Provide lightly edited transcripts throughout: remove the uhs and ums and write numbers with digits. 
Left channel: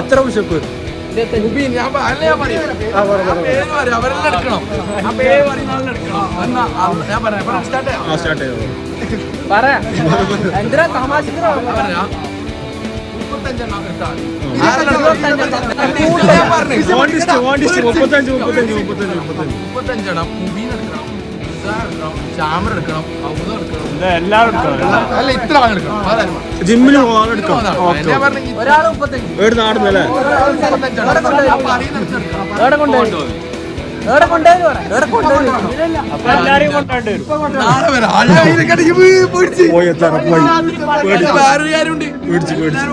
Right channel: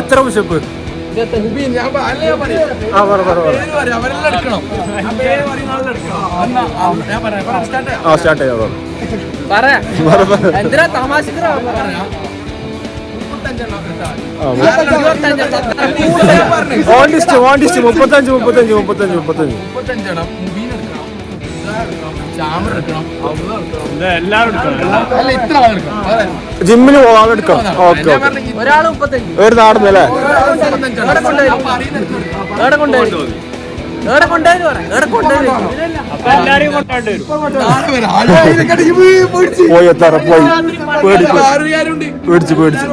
എത്ര മുഷപ്പ് അവരെല്ലാം എടുക്കണം. സ്റ്റാർട്ട് ചെയ്തോ. എന്തിനാ തമാശ ജിമ്മിന് പോകാനെടുക്കാം. ഓക്കെ ഒരാള് 35 ഒരു നാടുന്നല്ലേ പോയി എത്താറ പോയി പേടിച്ച് പേടിച്ച്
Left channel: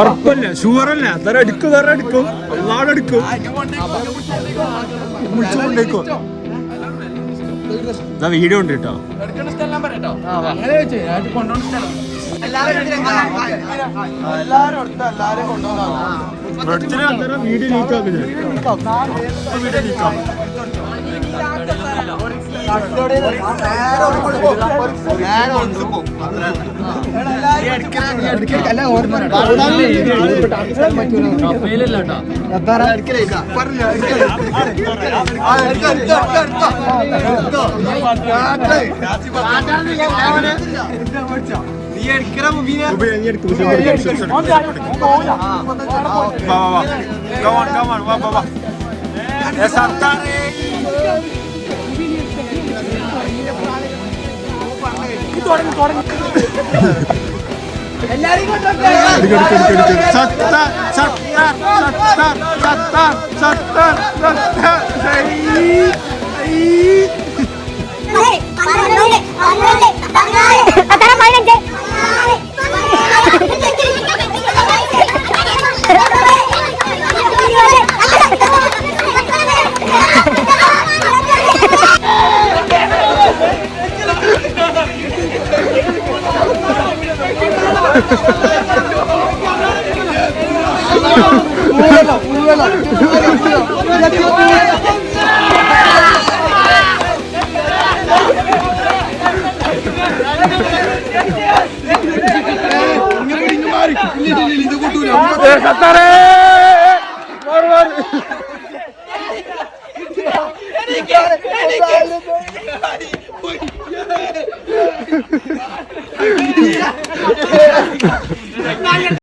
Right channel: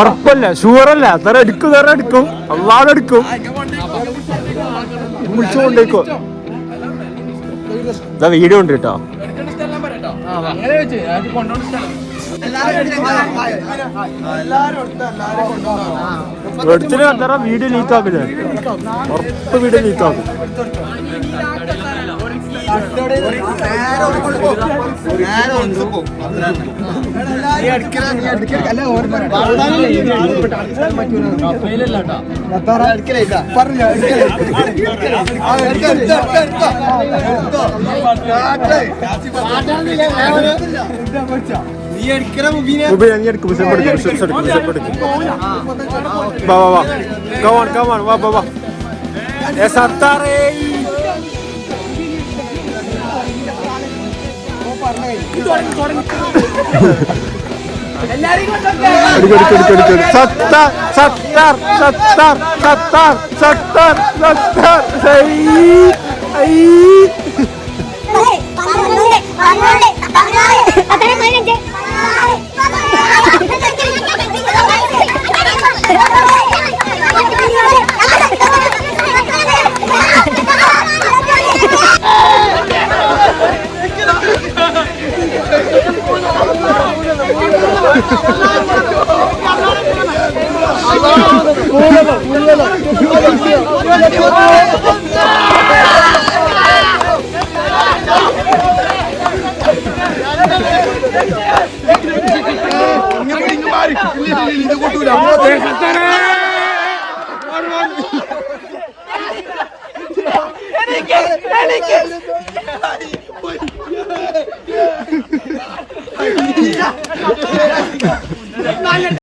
ഉറപ്പല്ല ഷുവറല്ല തറ എടുക്കും അള്ളാടെ എടുക്കും വിളിച്ചു കൊണ്ടേക്കോ. ഇതാ വീഡിയോ ഉണ്ട് കേട്ടോ. വീഡിയോ ലീക്കാക്കില്ല ഉറപ്പ് വീഡിയോ ലീക്കാക്കും.